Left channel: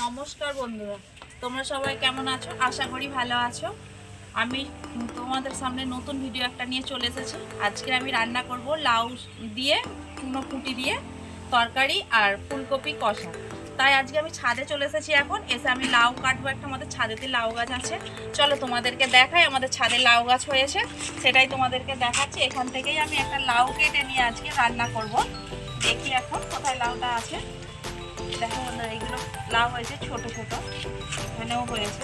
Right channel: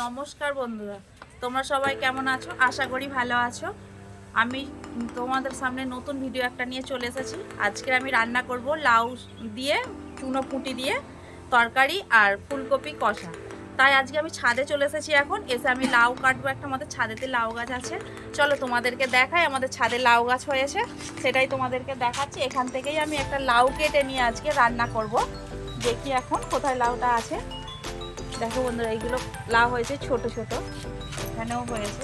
নমস্কার বন্ধুরা, তোমরা সবাই কেমন আছো? আশা করি ভালো আছো। আমি তোমাদের সামনে নতুন ভিডিও একটা নিয়ে চলে এসেছি। আজকে আমি রান্না করব লাউ দিয়ে, চুনো পুঁটি দিয়ে তরকারি আর ফুলকপি কষা। তাই আজকে আমি ছাদে চলে এসেছি। এখন এসে আমি লাউ কাটবো। একটা আমাদের ছাদেতে লাউ গাছ আছে, চলো তোমাদেরকে দেখাই। আমাদের ছাদে লাউ গাছ হয়েছে, সেটাই তোমাদেরকে দেখাচ্ছি। এখান থেকেই আমি একটা লাউ কেটে নিয়ে আজকে রান্না করব। দেখি এখন কোথায় লাউটা আছে। দেখো বন্ধুরা, এইগুলো লাউ হয়েছে ছোট ছোট, এখানেও হয়েছে।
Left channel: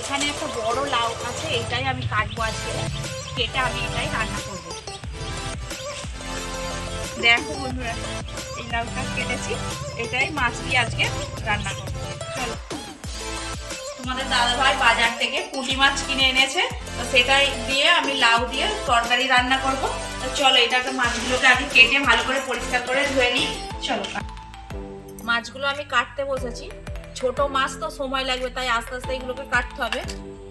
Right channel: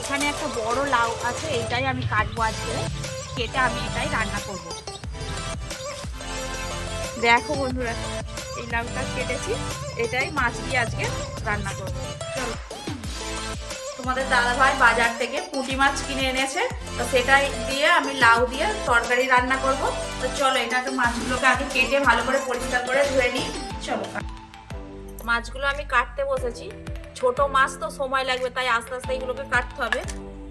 এখানে একটা বড় লাউ আছে, এইটাই আমি কাটবো আজকে। কেটে আমি এটাই রান্না করব। দেখো বন্ধুরা, এই লাউটা কেটেছি, এটাই মাছ দিয়ে আজকে রান্না করব। চলো, তোমাদের দাদাভাই বাজার থেকে পুঁটি মাছ কিনে এনেছে, তো সেটাই দিয়ে আমি লাউ দিয়ে তরকারি রান্না করব। তো চলো, এটাকে মাছগুলোকে আগে কেটে ভালো করে পরিষ্কার করে ধুয়ে নিই। চলো, মাছগুলো আমি কাটতে বসেছি। ছোট মাছ তো সময় লাগবে, তাই আস্তে আস্তে এগুলোকে কাটতে হবে।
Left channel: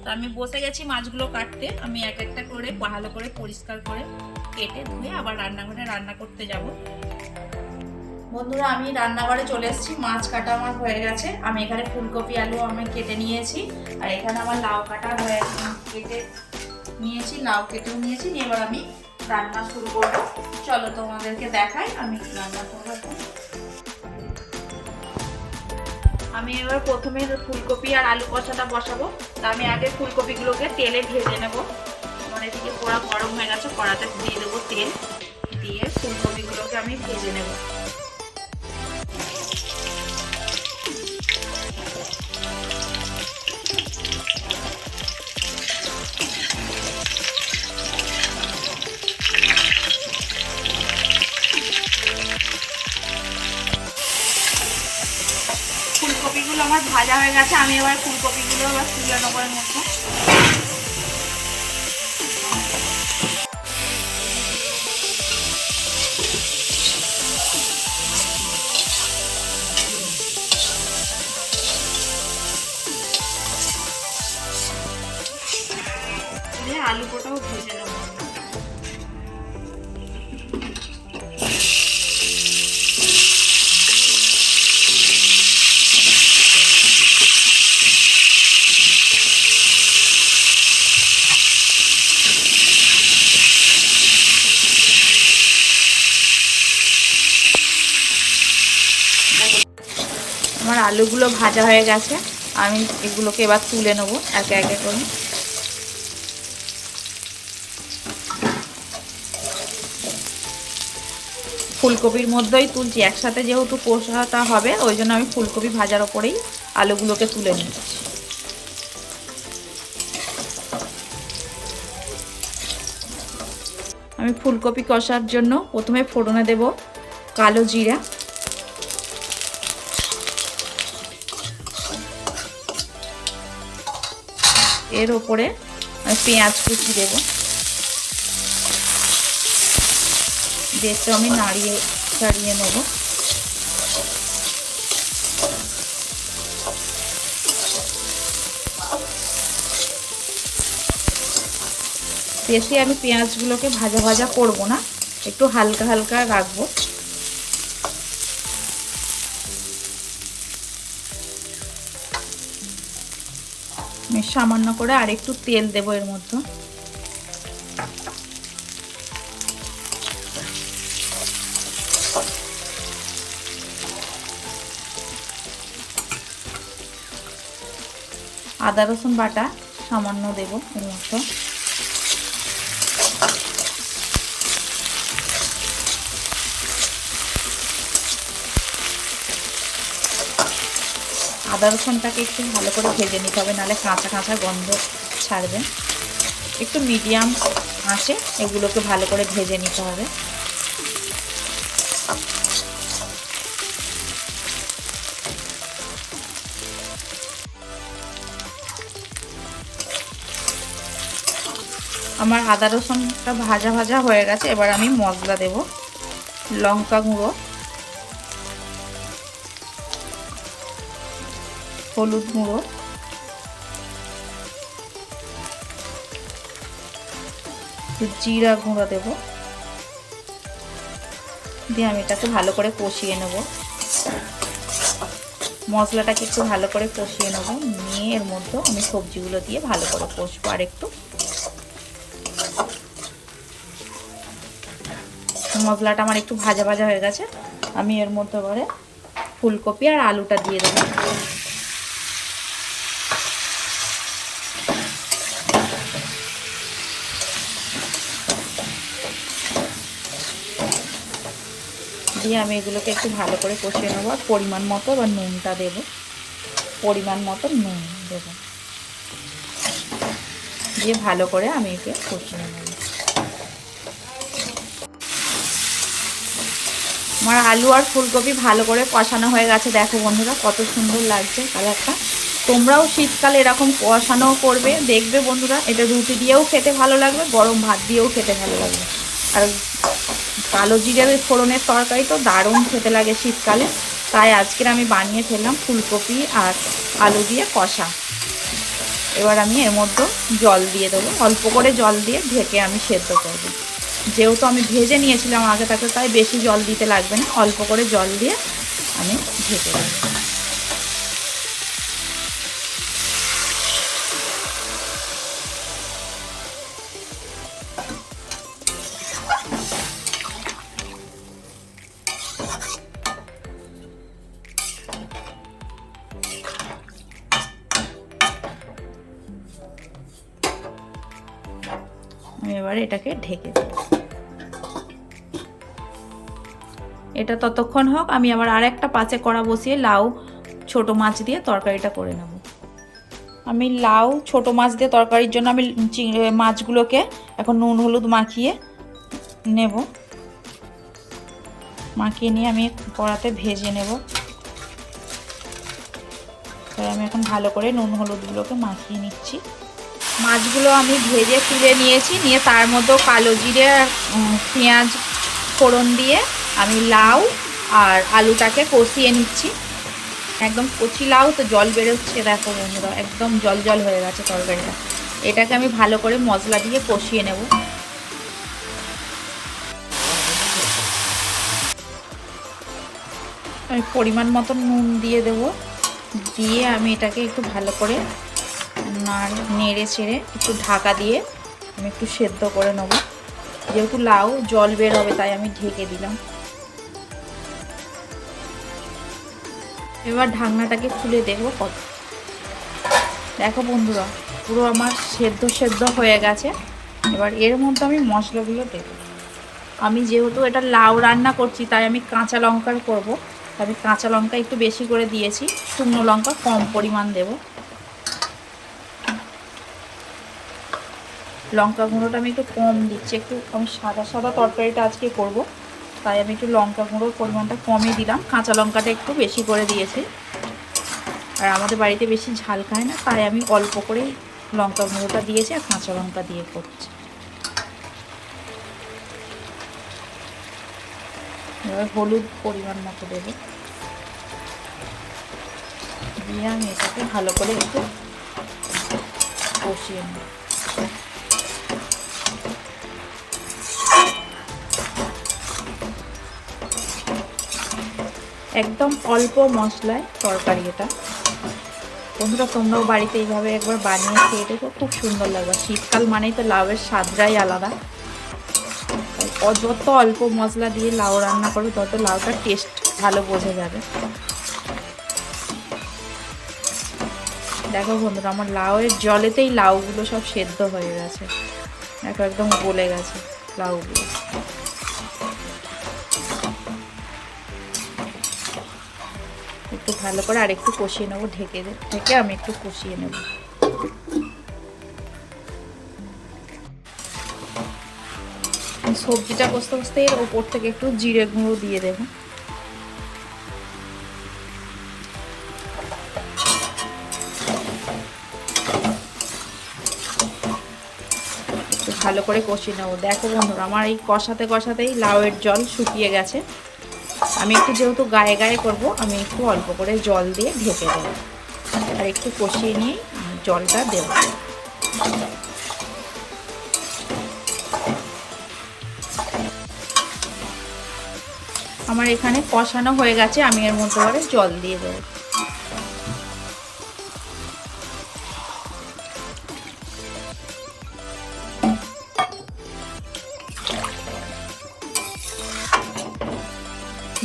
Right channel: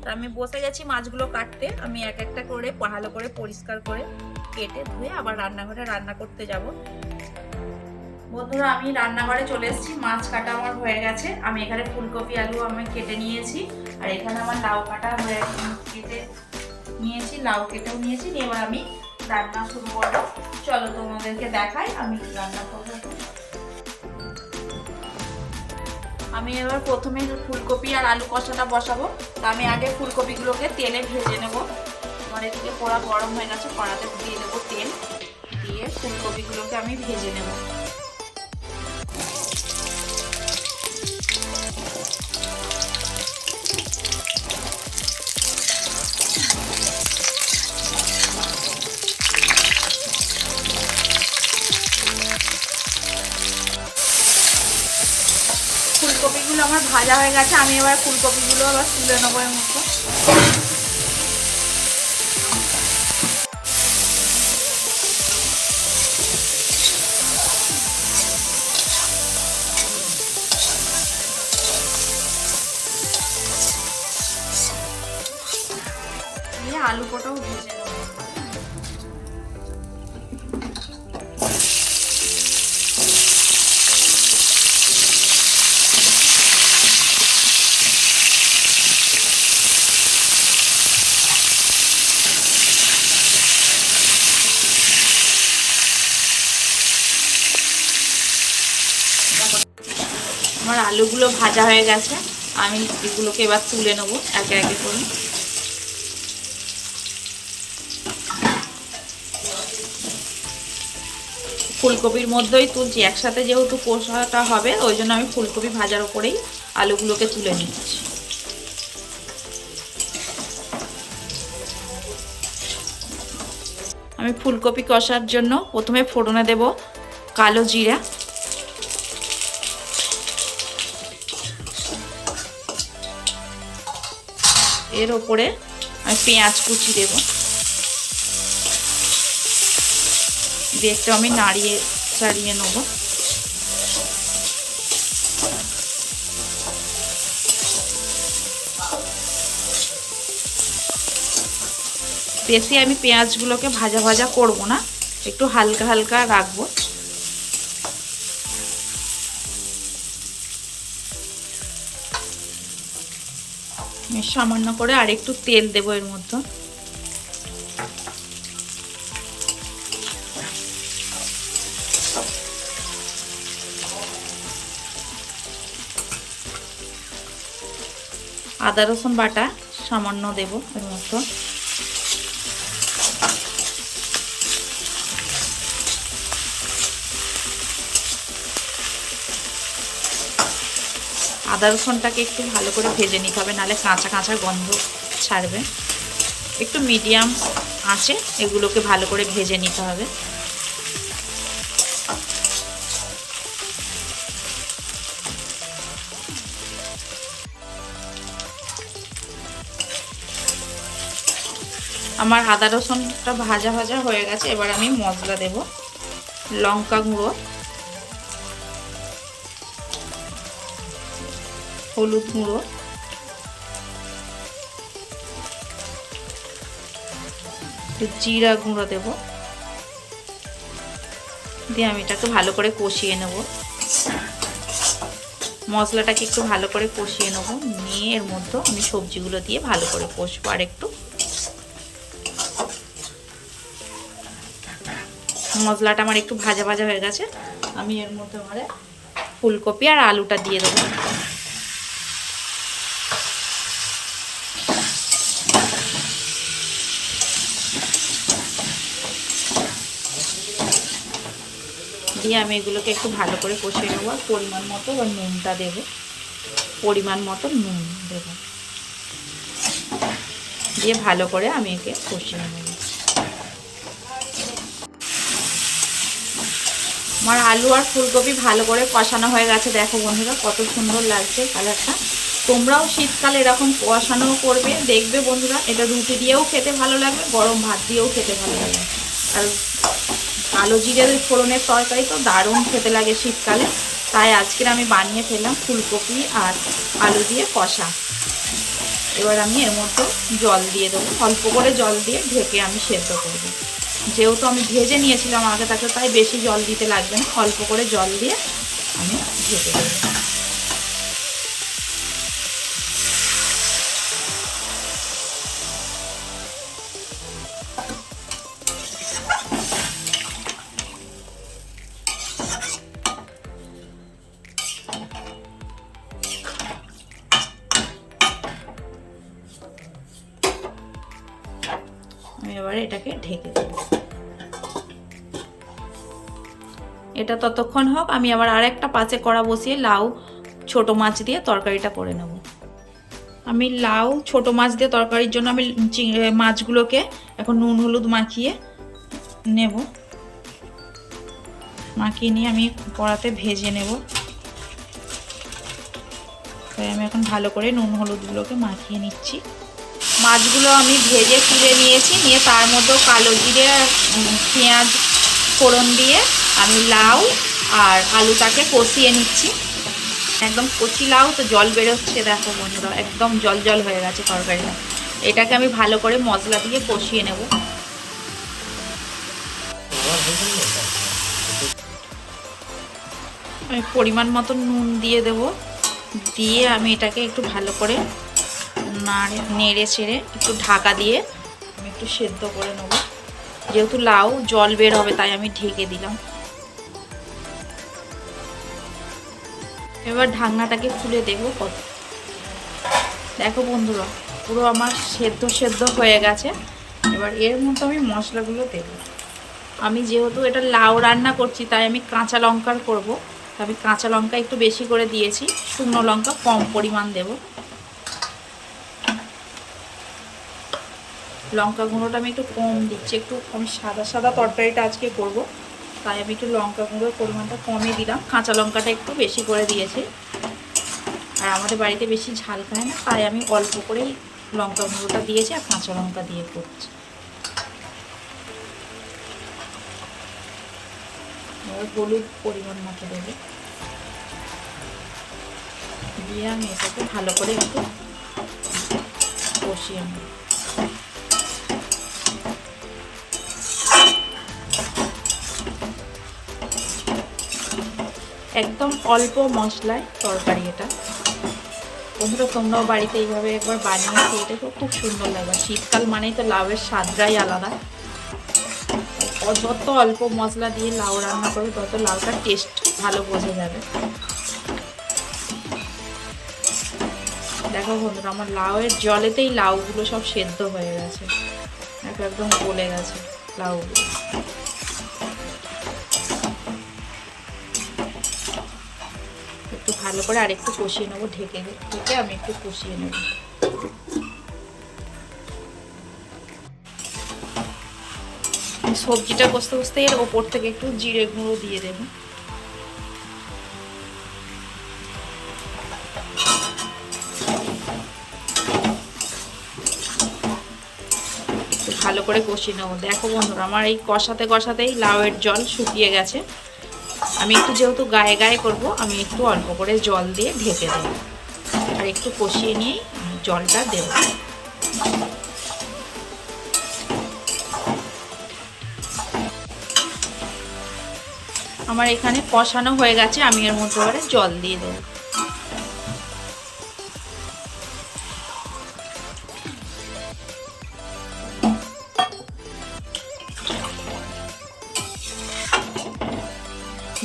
তো আমি বসে গেছি মাছগুলো কাটতে। আমি এক একটা করে ভালো করে পরিষ্কার করে কেটে ধুয়ে আবার রান্নাঘরে রান্না করতে যাব। বন্ধুরা, আমি রান্নাঘরে চলে এসেছি। মাছ কাটা আমার হয়ে গেছে। আমি এখানে ফুলকপি আলু আমি কেটে নিয়েছি, আর এখানে আমার লাউ কাটা হয়ে কেটে নিয়েছি, লাউ কেটেও নিয়েছি। এবার আমি রান্না শুরু করব। চলো তোমাদেরকে দেখাই আমি রান্না করবো। আমি এবার প্রথমে ফুলকপি আর আলু কষাটা বসাবো। তা আমি আগে ফুলকপিগুলোকে তেলে ভেজে নেব। আমার এদিকে পোড়া গরম হয়ে গেছে, কড়াতে দিয়ে দেবো তেল, দিয়ে ফুলকপিগুলোকে আমি ভেজে নেব। ফুলকপিগুলো আমার ভাজা হয়ে গেছে। আমি এবার ফুলকপিগুলো আবার তুলে নেবো এর মতো। আলু কোটাও ভেজে নেব। আমার আলুগুলো ভাজা হয়ে গেছে। আমি এগুলোকে এবার তুলে নেব একে একে করে। ফুলকপির মধ্যেই তুলছি একসাথে, যেহেতু কষাটা হবে ওই জন্য আমি ফুলকপি ভাজার ওপরেই আলুগুলোকে তুলে নিচ্ছি। আমি ফুলকপি কষার জন্য প্রথমে ফোড়নে দেব কালো জিরা, এর ওপরে আমি পেঁয়াজ কুচি দেব, দিয়ে একটু আমি নাড়িয়ে চাড়িয়ে নেব। বেশি আমি পেঁয়াজগুলোকে ভাজা ভাজা করব না, একটু হালকা হালকা রাখবো। সামান্য করে আর একটু তেল দেবো এর মধ্যে। আদা রসুন বাটা সামান্য দেব এর মধ্যে। আদা রসুনটাকে একটু ভালো করে ভেজে নিতে হবে, নাহলে কাঁচা কাঁচা গন্ধ ছাড়বে। একটু মিডিয়াম আঁচে এগুলোকে ভালো করে ভেজে নিতে হবে। আমার আদা রসুনটা ভাজা ভাজা হয়ে গেছে। এবার আমি মশলা দেব। লঙ্কা গুঁড়ো, হলুদ গুঁড়ো, একটু জিরা গুঁড়ো দেবো, দিয়ে আমি এটাকে ভালো করে কষিয়ে নেব। মশলাটাকে একটু ভালো করে কষিয়ে নেব, নিয়ে এর মধ্যে আমি সবজিগুলো দিয়ে ভালো করে কষবো। আর একটু মশলাটা আমার একটু ভাজা ভাজা হয়ে গেছে, আমি এর মধ্যে করে ফুলকপি আর আলুটা দিয়ে দেবো। দিয়ে আমি এগুলোকে একটু ভালো করে কষিয়ে নেবো। আর পরিমাণ মতো এবার নুনটা দেবো, পরিমাণ মতো নুন দেবো, দিয়ে ভালো করে আমি একে কষিয়ে নেব। আমার আলু আর ফুলকপি ভালো করে কষানো হয়ে গেছে। দেখো বন্ধুরা কত সুন্দর লাগছে কালারটা। তোমরাও শীতকালে এরকম কষানো করবে, দেখবে বন্ধুরা এটা রুটি দিয়েও খেতে ভালো লাগবে, গরম ভাত দিয়েও খেতে ভালো লাগবে। আর কালো জিরের ফোড়নের তরকারি তো দারুণ খেতে লাগে শীতকালে, তাই আজকের আমি বানিয়ে ফেললাম ফুলকপি আর আলু দিয়ে কষা। এবার আমি এর মধ্যে জল দিয়ে দেবো, অল্প করে জল দিয়ে ঢেকে আমি সেদ্ধ করব। যেহেতু আমি ভেজে নিয়েছিলাম আগে থাকতে, তাই বেশি জল দিতে লাগবে না, অল্প করে জল দিয়ে আমি ঢেকে দেবো। আমি এবারে এটাকে ঢেকে দেব। এটা ততক্ষণ হোক, আমি আবার আরেকটা পাঁচে কড়া বসিয়ে লাউ ছোট মাছ দিয়ে তরকারিটা করে নেব। আমি লাউ ছোট মাছ দিয়ে তরকারির জন্য আমি মাছগুলোকে এখন নুন হলুদ মাখিয়ে নেব। মাখিয়ে নিয়ে আমি কড়াতে ভেজে নেব। তাই আমি এখন ভালো করে নুন হলুদগুলোকে মাখিয়ে নিচ্ছি। মাছগুলো আমি ভেজে তুলে নিয়েছি, নিয়ে তার মধ্যেও কালো জিরে পেঁয়াজ ফোড়ন দিয়ে আমি লাউ আর আলুটাকে কষিয়ে নিচ্ছি। একদম কচি লাউ তো জল বেরোচ্ছে, দেখো বন্ধুরা একদম জল জল হয়ে গেছে তরকারিটা। এটাকে আমি ভালো করে মশলা দিয়ে কষিয়ে নেব। আমি পরিমাণ মতো নুন দিয়ে দেব, দিয়ে আমি এটাকে একটু ভালো করে নেড়ে ছেড়ে একটু ঢাকা দিয়ে আমি একটু সেদ্ধ করে নেব। যেহেতু লাউ জল বের হবে তাই আমি ঢেকে দিলাম। এবার ঢাকনাটাকে খুলে দেখবো কত। দেখো বন্ধুরা পুরো আমার সেদ্ধ সেদ্ধ হয়ে গেছে। এবার এর মধ্যে আমি মশলাগুলো দেব। আমি যেহেতু এটা লাউ রান্না করছি তাই আমি কাঁচা লঙ্কার করব, তাই আমি কাঁচা লঙ্কা একটু বেশি করে দিয়েছি, শুকনো লঙ্কা কম পরিমাণ দেব। লঙ্কা গুঁড়োটা আমি একটু কম দিচ্ছি, একটু আমি সাদা সাদা তরকারিটা আজকে করব, তাই আমি একটু লঙ্কা গুঁড়োর পরিমাণটা কমই দিলাম। কাঁচা লঙ্কাটা একটু বেশি করে দিয়েছি, আর আমাদের বাড়িতে বেশি ঝাল খায় না, তাই আমি অল্প করেই লঙ্কা গুঁড়োটা দিয়েছি আর কাঁচা লঙ্কা দিয়ে করছি। এবার হলুদ পরিমাণ মতো দেবো, দিয়ে আমি এটাকে ভালো করে একটু কষিয়ে নেব। একদম অল্প মশলায় তরকারি এটা। বন্ধুরা তোমরাও বাড়িতে এইভাবে একবার বানিয়ে খেয়ে দেখো, খুব সুন্দর লাগবে। শীতকাল মানেই তো লাউয়ের স্বাদটাই আলাদা, তাই যত অল্প মশলা দিয়ে লাউ রান্না করবে তত লাউটার টেস্ট ভালো বোঝা যাবে। দেখো বন্ধুরা আমার লাউয়ের জলেতেই লাউগুলো সব সেদ্ধ হয়ে গেছে, দেখো একদম গলে গেছে লাউগুলো। একটু ভালো করে আর একটু কষিয়ে নেবো, ঢেকে আমি একটু কষিয়ে নেব। সবজিটা কষতে কষতে এর ওপর থেকে একটু জিরে গুঁড়ো দিয়ে দেবো। একটু ভালো করে কষিয়ে নেবো। দেখো বন্ধুরা আমার এই কষাতে কষাতেই লাউয়ের জল শুকিয়ে গেছে। আমি একটু যেহেতু গায়ে গায়ে করব, আমি একটু অল্প করে জল দিয়ে ঢেকে দেবো, আর একটু কষিয়ে নিয়েই আমি জলটা দেব। আমার এখানে কষানো হয়ে গেছে, আমি এর মধ্যে এবারে জল দিয়ে দেবো।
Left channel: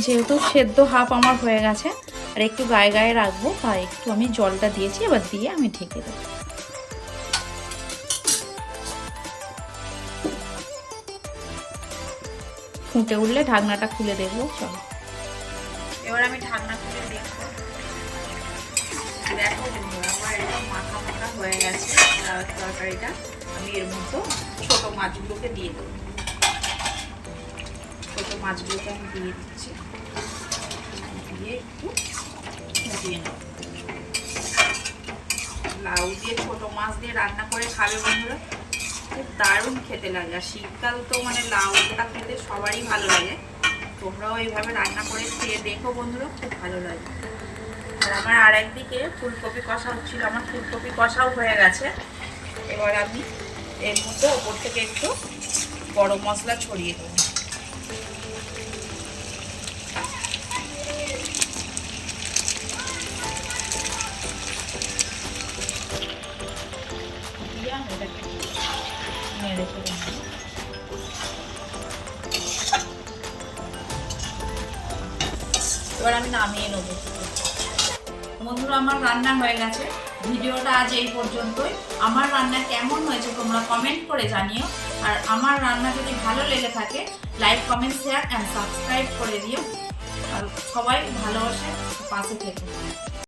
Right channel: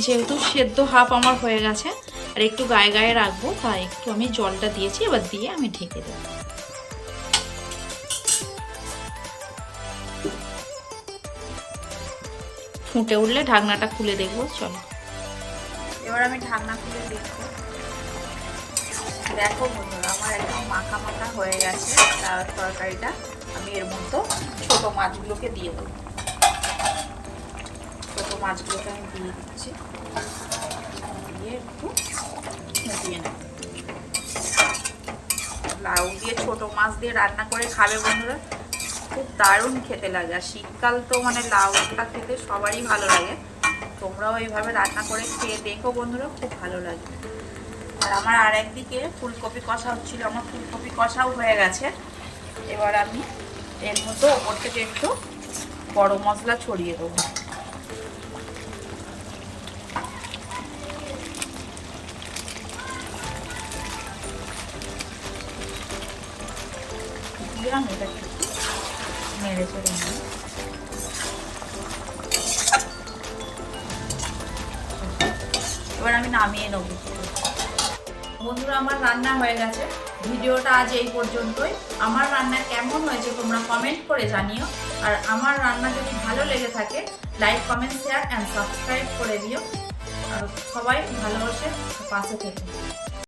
যেহেতু সেদ্ধ হাফ আমার হয়ে গেছে আর একটু গায়ে গায়ে রাখবো, তাই একটু আমি জলটা দিয়েছি, এবার দিয়ে আমি ঢেকে দেবো। ফুটে উঠলে ঢাকনাটা খুলে দেখবো। চলো এবার আমি ঢাকনা খুলে দেখবো। দেখো বন্ধুরা, আমার একদম মাখা মাখা হয়ে গেছে তরকারিটা। আমি এর মধ্যে ছোটো মাছগুলোকে দিয়ে দেবো। ছোটো মাছগুলোকে আমি দিয়ে দিচ্ছি, দিয়ে একটু ফুটিয়ে নেব। লাউ দিয়ে ছোটো মাছ দিয়ে রান্না করে খাবে বন্ধুরা, খুব দারুণ খেতে লাগে। আর শীতকাল তো মানে লাউটা খেতে সবারই ভালো লাগে। তোমরাও এইভাবে রান্না করে খেয়ে দেখো বন্ধুরা, খুব ভালো লাগে। আর আমার আর একদিকে ফুলকপি কষা হচ্ছিল, আমার ফুলকপি কষাও হয়ে গেছে। এবার আমি এর মধ্যে ওপর থেকে একটু গরম মশলা ছড়িয়ে দেবো। এবার আমি নামিয়ে নেব। বন্ধুরা, আমার রান্না হয়ে গেছে। ভিডিওটা আজ এই পর্যন্তই। আমার রান্না কেমন হয়েছে তোমরা কমেন্ট করে জানিও। আর আমার রান্না যদি ভালো লেগে থাকে like, comment, share and subscribe করে দিও। আর সবাই ভালোবাসে পাশে থেকে।